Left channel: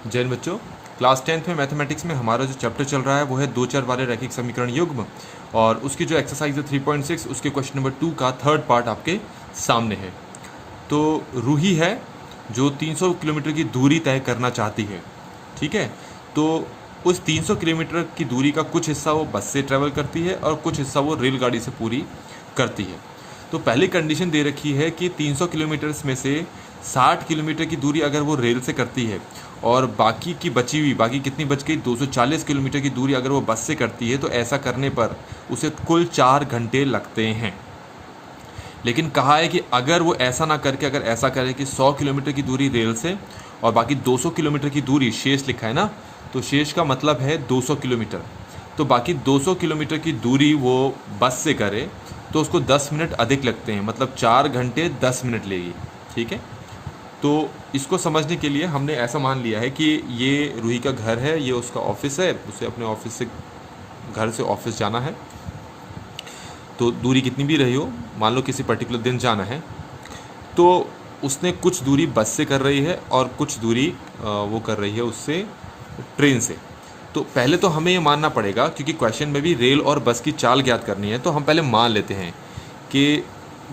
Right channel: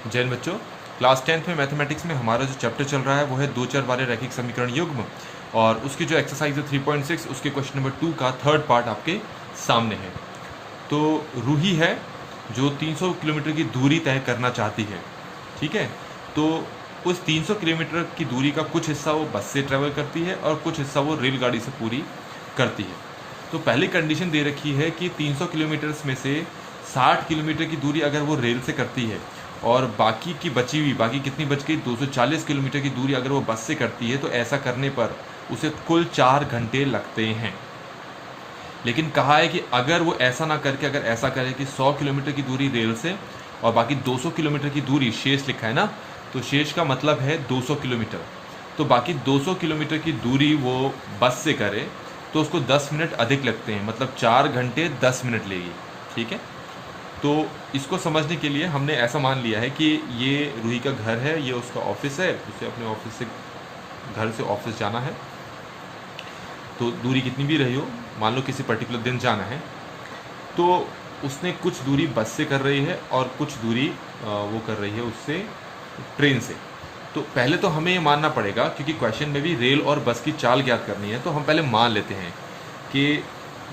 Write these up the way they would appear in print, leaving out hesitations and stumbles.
जय हिंद बच्चों, class 10th में मैथमेटिक्स में हमारा जो चैप्टर चल रहा है वो है दो चर वाले रैखिक समीकरण युग्म, और उसकी जो एक्सरसाइज है 3.6 उसके क्वेश्चन नंबर 2 का थर्ड पार्ट आपके सामने है। तो रूही है जो 300 किलोमीटर की दूरी तय करना चाहती है, ठीक है। तो उस 300 किलोमीटर की दूरी का कुछ हिस्सा वो बस से ट्रैवल करती है और कुछ हिस्सा वो रेलगाड़ी से पूरी करती है। तो पहली कंडीशन दे रखी है कि 300 किलोमीटर्स में से 60 किलोमीटर की दूरी अगर वो रेल से करती है और बाकी की बची हुई, बाकी कितनी बच गई, 240 किलोमीटर की दूरी अगर वो बस से करती है, तो ऐसा करने पर उसे कुल 4 घंटे लगते हैं। लेकिन कहा है कि अगर वो ऐसा ना करके अगर ऐसा करे कि 100 किलोमीटर की दूरी रेल से और बाकी 200 किलोमीटर की दूरी, शेष लिखा है ना, तो शेष का मतलब है 200 किलोमीटर, तो बाकी 200 किलोमीटर की दूरी वो बस से करे तो उसको 10 मिनट अधिक लगते हैं, मतलब 4 घंटे 10 मिनट लेगी, ठीक है। तो इसको समझने के लिए हमने ऐसा मान लिया है कि ये रूही का घर है, ये उसका ऑफिस है, उसे अपने ऑफिस से, घर से ऑफिस जाना है। तो दूरी कितनी भी रही हो, मान लो किसी पर्टिकुलर दिन जाना है, तो उसने कुछ दूरी बस से कर रही है और कुछ दूरी वो कर रही है उससे ट्रेन से। तो पहले तो हमें ये मानना पड़ेगा, क्योंकि क्वेश्चन में भी रेल और बस की चाल ज्ञात करनी है, तो हम पहले मान लेते हैं कि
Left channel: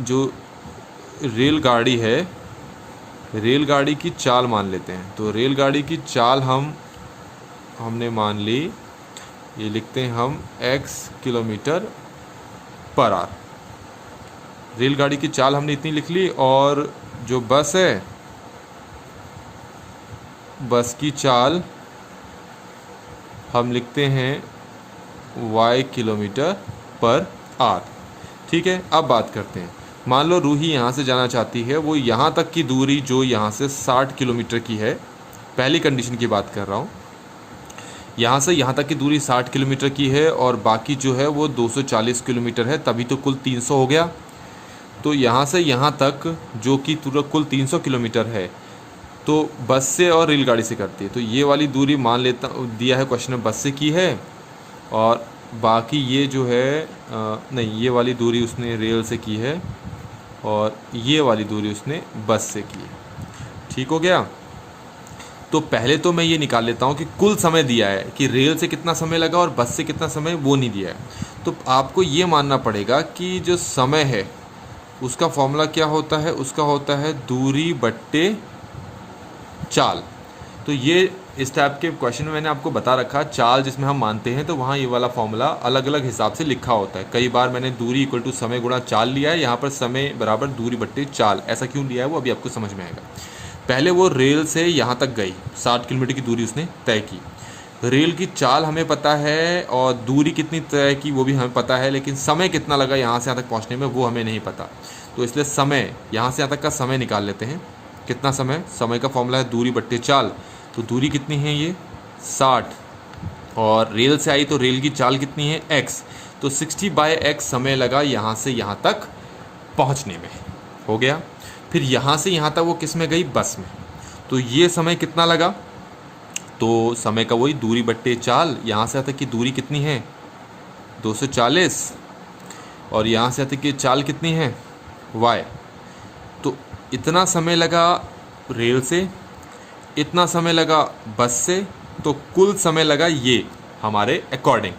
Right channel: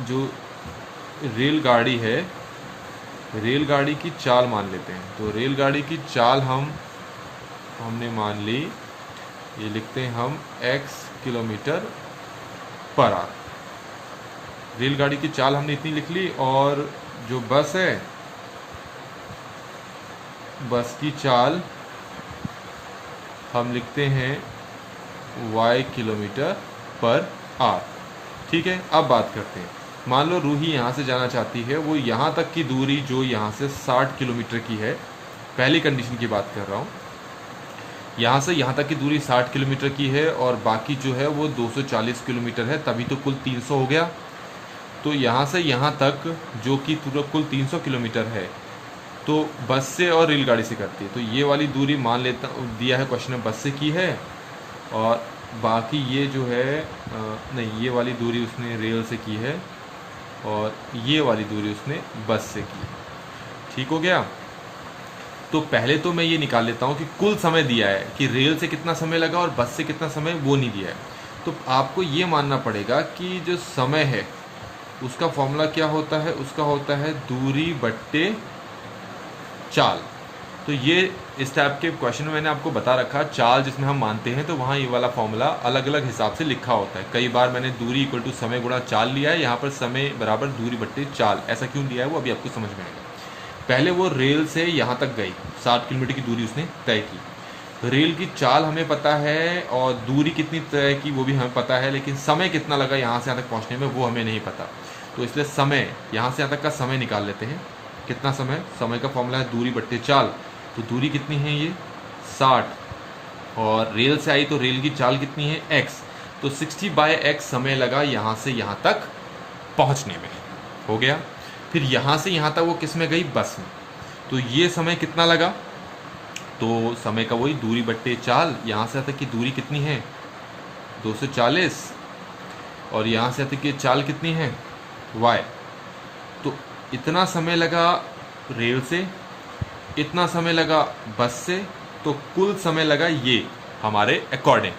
जो रेलगाड़ी है, रेलगाड़ी की चाल मान लेते हैं। तो रेलगाड़ी की चाल हमने मान ली, ये लिखते हैं हम x किलोमीटर पर आवर। रेलगाड़ी की चाल हमने इतनी लिख ली, और जो बस है, बस की चाल हम लिखते हैं y किलोमीटर पर आवर, ठीक है। अब बात करते हैं, मान लो रूही यहाँ से जाना चाहती है, वो यहाँ तक की दूरी जो यहाँ से 60 किलोमीटर की है, पहली कंडीशन की बात कर रहा हूँ, यहाँ से यहाँ तक की दूरी 60 किलोमीटर की है और बाकी जो है वो 240 किलोमीटर है, तभी तो कुल 300 हो गया। तो यहाँ से यहाँ तक जो कि पूरा कुल 300 किलोमीटर है, तो बस से और रेलगाड़ी से करती है। तो ये वाली दूरी मान लेता, दिया है क्वेश्चन में बस से की है, और बाकी ये जो है नहीं, ये वाली दूरी उसने रेल से की है और ये वाली दूरी उसने बस से की है, ठीक हो गया। तो पहले तो मैं ये निकाल लेता हूँ कि कुल समय दिया है कि रेल से कितना समय लगा और बस से कितना समय, वो नहीं दिया है। तो आपको ये मानना पड़ेगा कि जो समय है उसका फॉर्मूला क्या होता है, उसका होता है दूरी बट्टे चाल। तो ये इस टाइप के क्वेश्चन में मैंने आपको बता रखा, चाल जिसमें हम मानते हैं तो वहाँ ये वाला फॉर्मूला अलग अलग हिसाब से लिखा होता है। कई बार मैंने दूरी इक्वल टू समय गुणा चाल लिया है, यहाँ पर समय बराबर दूरी बट्टे चाल, ऐसा क्यों लिया है वो अभी आपको समझ में आएगा। पहले वो रेल से यहाँ तक गई, 60 किलोमीटर की दूरी उसने तय की, रेल की चाल हमें पता है और दूरी कितनी तय की वो भी हमें पता है, लेकिन समय कितना लगा यहाँ से यहाँ तक पहुँचने में वो हमें नहीं पता। तो इसलिए समय, यहाँ से यहाँ तक का समय निकाल लेते हैं। कितना समय, समय का फॉर्मूला है दूरी बट्टे चाल। तो दूरी कितनी है, ये 60, और रेल से आई तो रेल की चाल कितनी है, x, तो 60/x समय लगा यहाँ से यहाँ तक पहुँचने में, हो गया। फिर यहाँ से यहाँ तक वो किस में गई, बस में, तो ये समय कितना लगा, तो समय का वही दूरी बट्टे चाल, यहाँ से यहाँ तक की दूरी कितनी है 240, और यहाँ से यहाँ तक की चाल कितनी है y। तो इतना समय लगा रेल से, इतना समय लगा बस से, तो कुल समय लगा ये हमारे अकॉर्डिंग।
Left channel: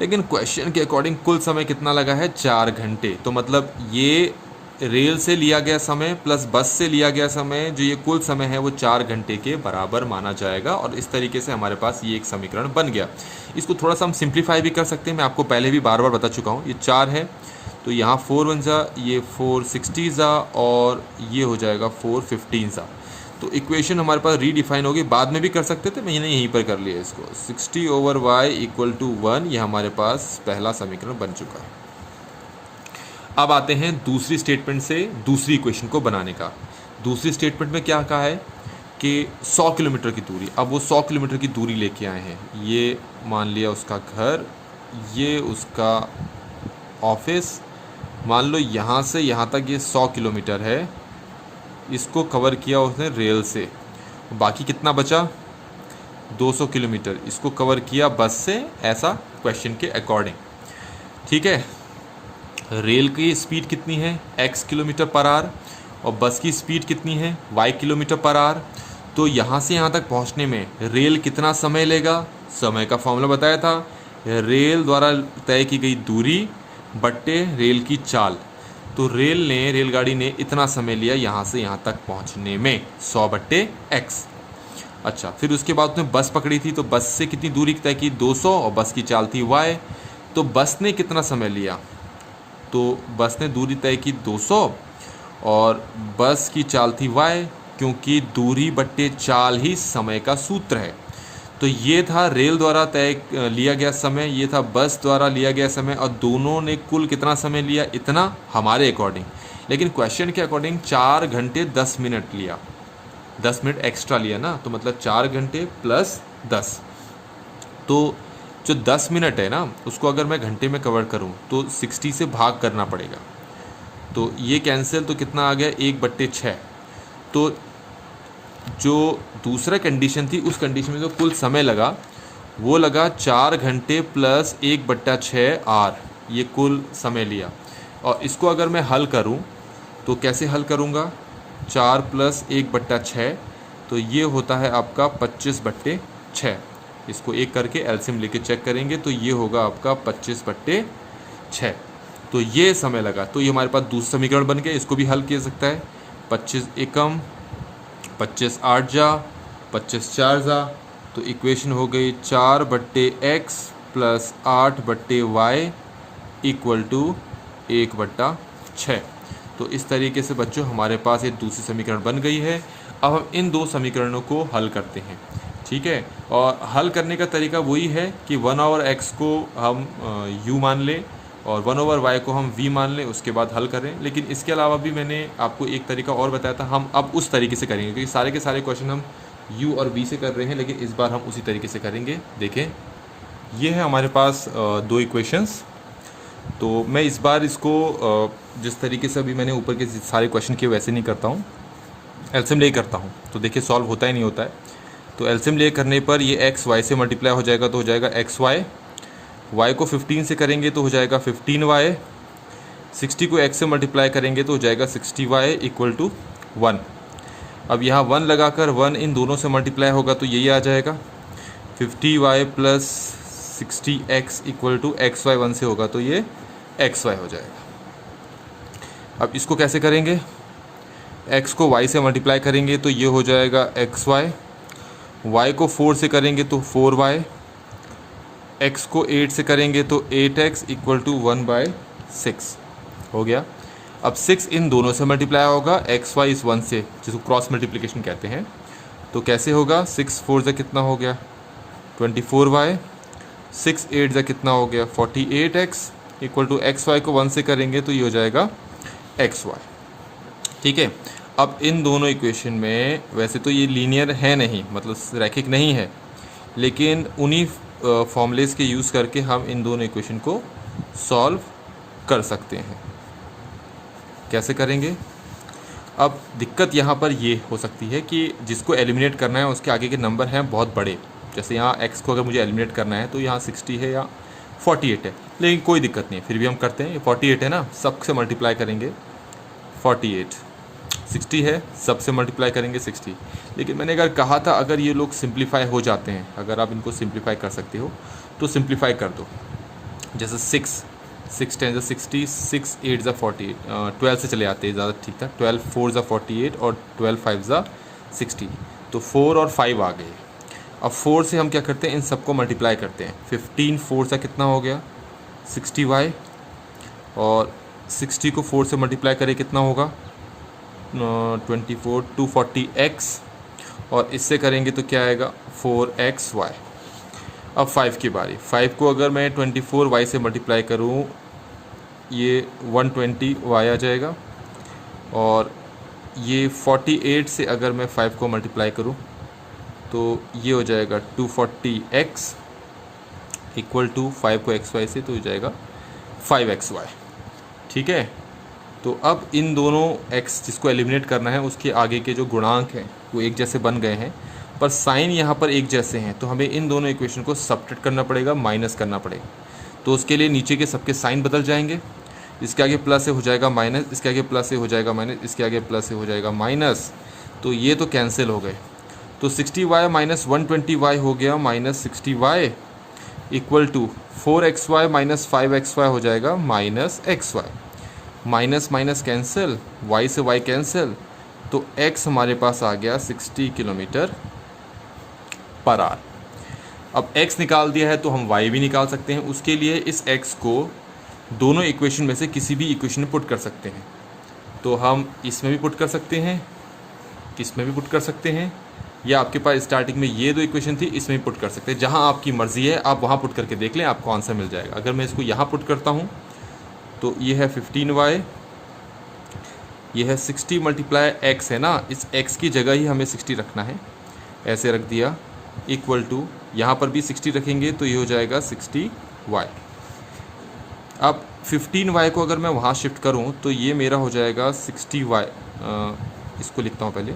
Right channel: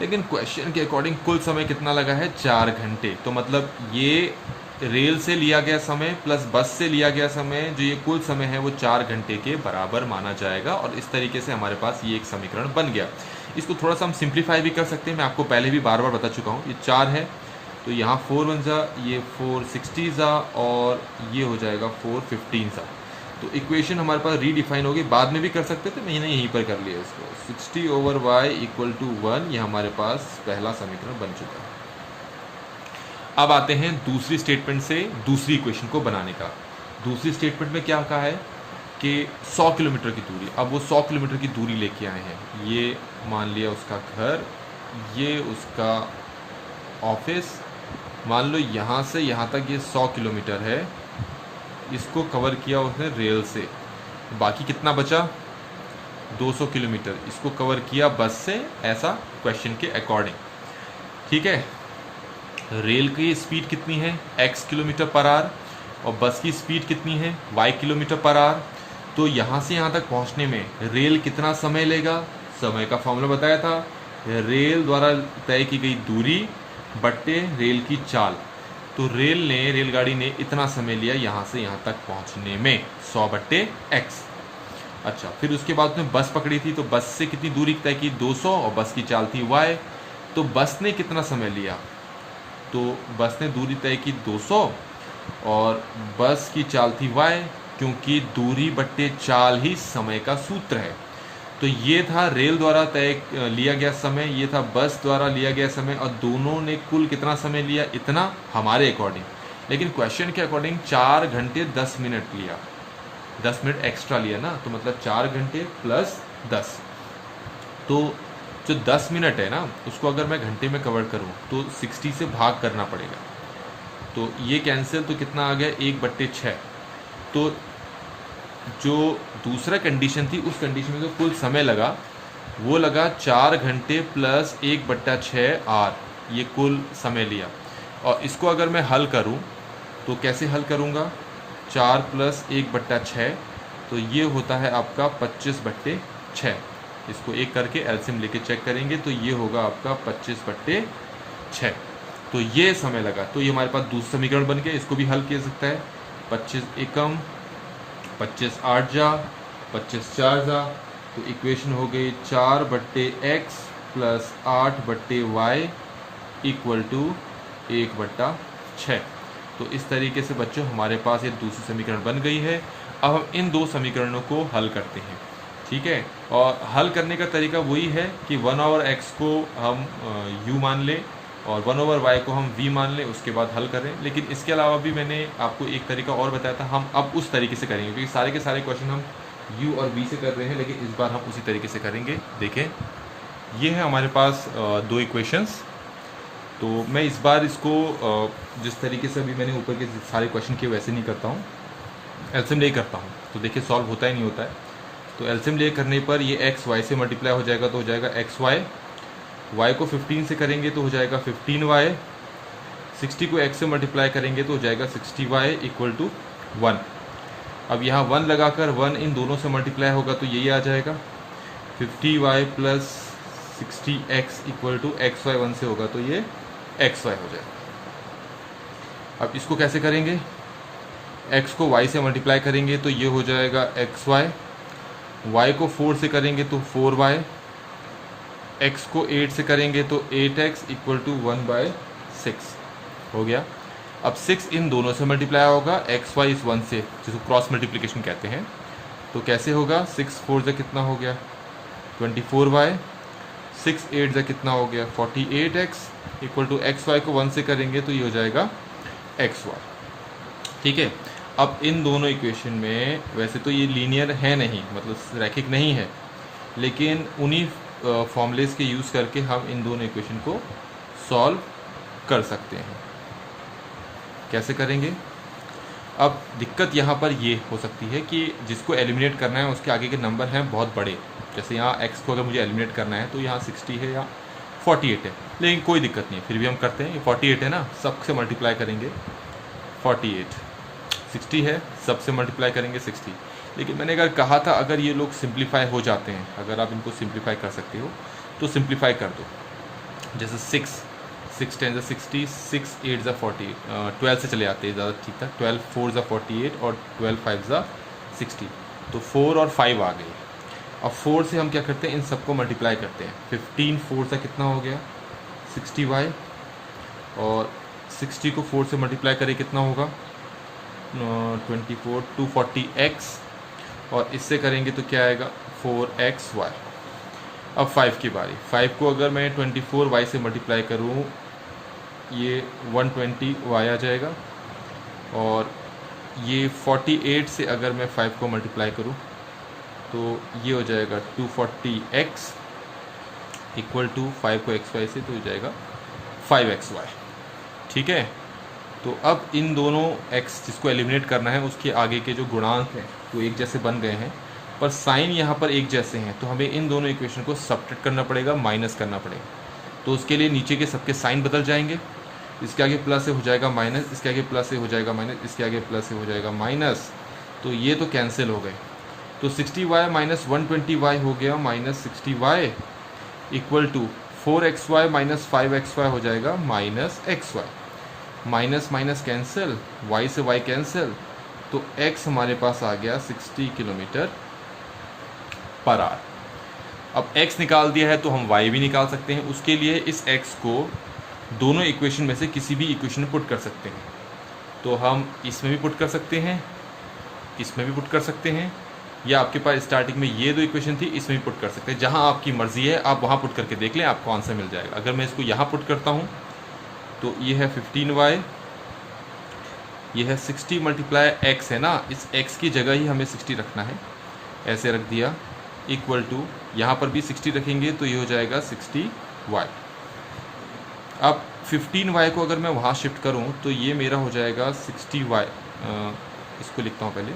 लेकिन क्वेश्चन के अकॉर्डिंग कुल समय कितना लगा है, 4 घंटे। तो मतलब ये रेल से लिया गया समय प्लस बस से लिया गया समय, जो ये कुल समय है वो 4 घंटे के बराबर माना जाएगा, और इस तरीके से हमारे पास ये एक समीकरण बन गया। इसको थोड़ा सा हम सिंप्लीफाई भी कर सकते हैं, मैं आपको पहले भी बार बार बता चुका हूँ। ये 4 है तो यहाँ 4 1 जा, ये 460 जा, और ये हो जाएगा 415 जा। तो इक्वेशन हमारे पास रीडिफाइन होगी, बाद में भी कर सकते थे, मैंने यहीं पर कर लिया इसको। 60/y इक्वल टू 1, ये हमारे पास पहला समीकरण बन चुका है। अब आते हैं दूसरी स्टेटमेंट से दूसरी इक्वेशन को बनाने का। दूसरी स्टेटमेंट में क्या कहा है कि 100 किलोमीटर की दूरी, अब वो 100 किलोमीटर की दूरी लेके आए हैं। ये मान लिया उसका घर, ये उसका ऑफिस, मान लो यहाँ से यहाँ तक ये 100 किलोमीटर है, इसको कवर किया उसने रेल से, बाकी कितना बचा 200 किलोमीटर, इसको कवर किया बस से, ऐसा क्वेश्चन के अकॉर्डिंग, ठीक है। रेल की स्पीड कितनी है x किलोमीटर पर आवर, और बस की स्पीड कितनी है y किलोमीटर पर आवर। तो यहाँ से यहाँ तक पहुँचने में रेल कितना समय लेगा? समय का फॉर्मूला बताया था, रेल द्वारा तय की गई दूरी बट्टे रेल की चाल। तो रेलगाड़ी ने इतना समय लिया यहाँ से यहाँ तक पहुँचने में, 100 बट्टे x। अच्छा, फिर उसके बाद उसने बस पकड़ी थी, तो बस से कितनी दूरी तय की? 200, और बस की चाल थी y। तो बस ने कितना समय लिया? तो बस ने दूरी तय की 200 और बस की चाल थी y, क्योंकि दूरी बट्टे चाल ही समय का सूत्र है। तो ये था रेल द्वारा तय लिया गया समय, ये था बस द्वारा लिया गया समय, और दोनों ने कुल कितना समय लिया? इतना, हमारे अकॉर्डिंग। लेकिन क्वेश्चन के अकॉर्डिंग 4 घंटे 10 मिनट लिया, 10 मिनट एक्स्ट्रा लिया ना, तो मतलब 4 घंटे प्लस 10। तो जो 10 मिनट है ना, उसको अगर मैं घंटे में कवर करूं तो 60 से भाग करना पड़ेगा। तो ये कैंसिल, तो कितना आ गया? 1/6। तो जो दूसरा कंडीशन थी, उस कंडीशन में जो कुल समय लगा वो लगा 4 घंटे प्लस 1/6 आर, ये कुल समय लिया। और इसको अगर मैं हल करूं तो कैसे हल करूंगा? 4 प्लस 1/6, तो ये होता है आपका 25/6। इसको एक करके एलसीएम लेके चेक करेंगे तो ये होगा आपका 25/6। तो ये समय लगा। तो ये हमारे पास दूसरा समीकरण बन गया, इसको भी हल किया सकता है। 25 एकम 25 आठ जा 25 4 जा, तो इक्वेशन हो गई 4/x plus 8/y equal to 1/6। तो इस तरीके से बच्चों हमारे पास एक दूसरी समीकरण बन गई है। अब हम इन दो समीकरणों को हल करते हैं, ठीक है। और हल करने का तरीका वही है कि 1/x को हम u मान लें और 1/y को हम v मान लें, उसके बाद हल करें। लेकिन इसके अलावा भी मैंने आपको एक तरीका और बताया था, हम अब उस तरीके से करेंगे, क्योंकि सारे के सारे क्वेश्चन हम u और v से कर रहे हैं, लेकिन इस बार हम उसी तरीके से करेंगे। देखें, ये है हमारे पास दो इक्वेशंस। तो मैं इस बार इसको जिस तरीके से अभी मैंने ऊपर के सारे क्वेश्चन किए वैसे नहीं करता हूँ, एलसीएम ले करता हूँ। तो देखिए सॉल्व होता ही नहीं होता है। तो एलसीएम ले करने पर ये एक्स वाई से मल्टीप्लाई हो जाएगा, तो हो जाएगा एक्स वाई, वाई को 15 से करेंगे तो हो जाएगा 15y, 60 को x से मल्टीप्लाई करेंगे तो हो जाएगा 60y इक्वल टू 1। अब यहाँ 1 लगाकर 1 इन दोनों से मल्टीप्लाई होगा तो यही आ जाएगा 50y plus 60x equal to xy, 1 से होगा तो ये xy हो जाएगा। अब इसको कैसे करेंगे? x को y से मल्टीप्लाई करेंगे तो ये हो जाएगा xy, y को 4 से करेंगे तो 4y, x को 8 से करेंगे तो 8x इक्वल टू 1/6 हो गया। अब 6 इन दोनों से मल्टीप्लाई होगा, एक्स वाई इस 1 से, जिसको क्रॉस मल्टीप्लिकेशन कहते हैं। तो कैसे होगा? 6 4 से कितना हो गया? 24y, 6 8 से कितना हो गया? 48x equal to x Y को 1 से करेंगे तो ये हो जाएगा एक्स वाई, ठीक है। अब इन दोनों इक्वेशन में वैसे तो ये लीनियर है नहीं, मतलब रैखिक नहीं है, लेकिन उन्हीं फॉर्मूलेस के यूज़ करके हम इन दोनों इक्वेशन को सॉल्व कर सकते हैं। कैसे करेंगे? अब दिक्कत यहाँ पर ये हो सकती है कि जिसको एलिमिनेट करना है उसके आगे के नंबर हैं बहुत बड़े। जैसे यहाँ x को अगर मुझे एलिमिनेट करना है तो यहाँ 60 है या 48 है, लेकिन कोई दिक्कत नहीं, फिर भी हम करते हैं। 48 है ना, सबसे मल्टीप्लाई करेंगे 48, 60 है, सबसे मल्टीप्लाई करेंगे 60। लेकिन मैंने अगर कहा था अगर ये लोग सिंप्लीफाई हो जाते हैं, अगर आप इनको सिंप्लीफाई कर सकते हो तो सिंप्लीफाई कर दो। जैसे 6 10 60, 6 8 48, 12 से चले आते हैं, ज़्यादा ठीक था। 12 4 48 और 12 5 60, तो 4 और 5 आ गए। अब 4 से हम क्या करते हैं, इन सबको मल्टीप्लाई करते हैं। 15 4 से कितना हो गया? 60y, और 60 को 4 से मल्टीप्लाई करें कितना होगा? 24 240x, और इससे करेंगे तो क्या आएगा? 4xy। अब 5 की बारी। 5 को अगर मैं 24y से मल्टीप्लाई करूँ, ये 120y आ जाएगा, और ये 48 से अगर मैं 5 को मल्टीप्लाई करूँ तो ये हो जाएगा 240x इक्वल टू 5 को xy से तो हो जाएगा 5xy, ठीक है। तो अब इन दोनों x जिसको एलिमिनेट करना है उसके आगे के जो गुणांक हैं वो एक जैसे बन गए हैं, पर साइन यहाँ पर एक जैसे हैं, तो हमें इन दोनों इक्वेशन को सब्ट्रैक्ट करना पड़ेगा, माइनस करना पड़ेगा। तो उसके लिए नीचे के सबके साइन बदल जाएंगे। इसके आगे प्लस से हो जाएगा माइनस, इसके आगे प्लस से हो जाएगा माइनस, इसके आगे प्लस से हो जाएगा माइनस, तो ये तो कैंसिल हो गए। तो 60y माइनस 120y हो गया minus 60y equal to 4xy minus 5xy हो जाएगा minus xy। Minus minus cancel, y से y कैंसिल, तो x हमारे पास आ गया 60 किलोमीटर पर आवर। अब x निकाल दिया है तो हम y भी निकाल सकते हैं। उसके लिए इस x को दोनों इक्वेशन में से किसी भी इक्वेशन में पुट कर सकते हैं। तो हम इसमें भी पुट कर सकते हैं, इसमें भी पुट कर सकते हैं, या आपके पास स्टार्टिंग में ये दो इक्वेशन थी, इसमें भी पुट कर सकते हैं। जहां आपकी मर्ज़ी है आप वहां पुट करके देख लें, आपको आंसर मिल जाएगा। अगर मैं इसको यहाँ पुट करता हूँ तो ये है 15y, ये है 60 मल्टीप्लाई x है ना, इस x की जगह ही हमें 60 रखना है, ऐसे रख दिया, इक्वल टू यहाँ पर भी 60 रखेंगे तो ये हो जाएगा 60y। अब 15y को अगर मैं वहाँ शिफ्ट करूँ तो ये मेरा हो जाएगा 60y। इसको लिखता हूँ पहले,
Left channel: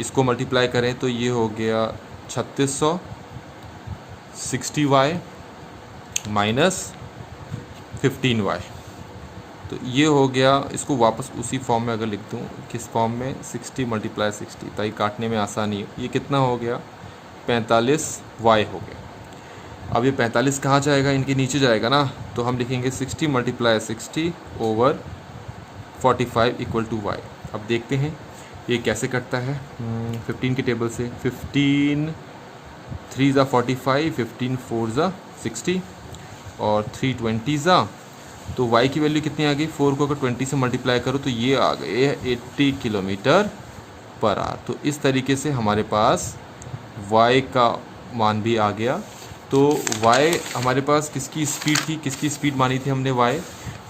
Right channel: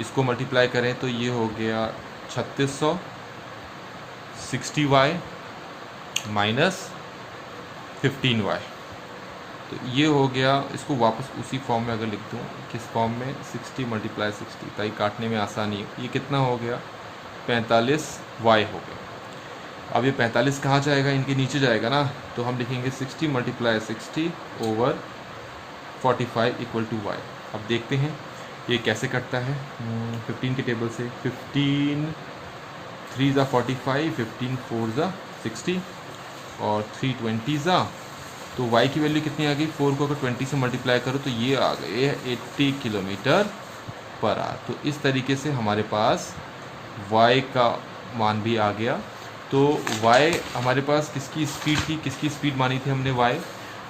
इसको मल्टीप्लाई करें तो ये हो गया 3600 60y माइनस 15y, तो ये हो गया। इसको वापस उसी फॉर्म में अगर लिख दूँ, किस फॉर्म में, 60 मल्टीप्लाई 60, ताकि काटने में आसानी हो। ये कितना हो गया, 45y हो गया। अब ये 45 कहाँ जाएगा, इनके नीचे जाएगा ना, तो हम लिखेंगे 60 multiply 60 over 45 equal to y। अब देखते हैं ये कैसे कटता है 15 के टेबल से। 15 3 ज़ा 45, 15 4 ज़ा 60 और 3 20 ज़ा, तो y की वैल्यू कितनी आ गई, 4 को अगर 20 से मल्टीप्लाई करो तो ये आ गए 80 किलोमीटर पर आवर। तो इस तरीके से हमारे पास y का मान भी आ गया। तो y हमारे पास किसकी स्पीड थी, किसकी स्पीड मानी थी हमने,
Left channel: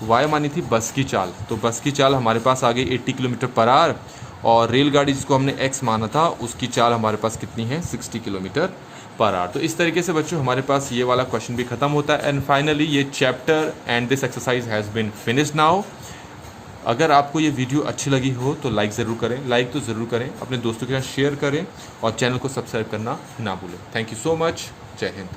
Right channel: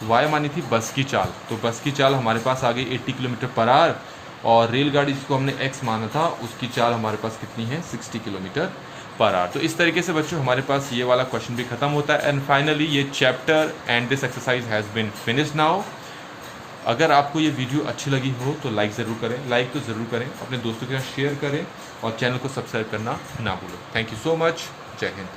y मानी थी बस की चाल। तो बस की चाल हमारे पास आ गई 80 किलोमीटर पर आवर, और रेलगाड़ी जिसको हमने x माना था उसकी चाल हमारे पास कितनी है, 60 किलोमीटर पर आवर। तो इस तरीके से बच्चों हमारे पास ये वाला क्वेश्चन भी ख़त्म होता है। एंड फाइनली ये chapter and this exercise has been finished now. अगर आपको ये वीडियो अच्छी लगी हो तो लाइक ज़रूर करें, लाइक तो ज़रूर करें, अपने दोस्तों के साथ शेयर करें और चैनल को सब्सक्राइब करना ना भूलें। Thank you so much. जय हिंद।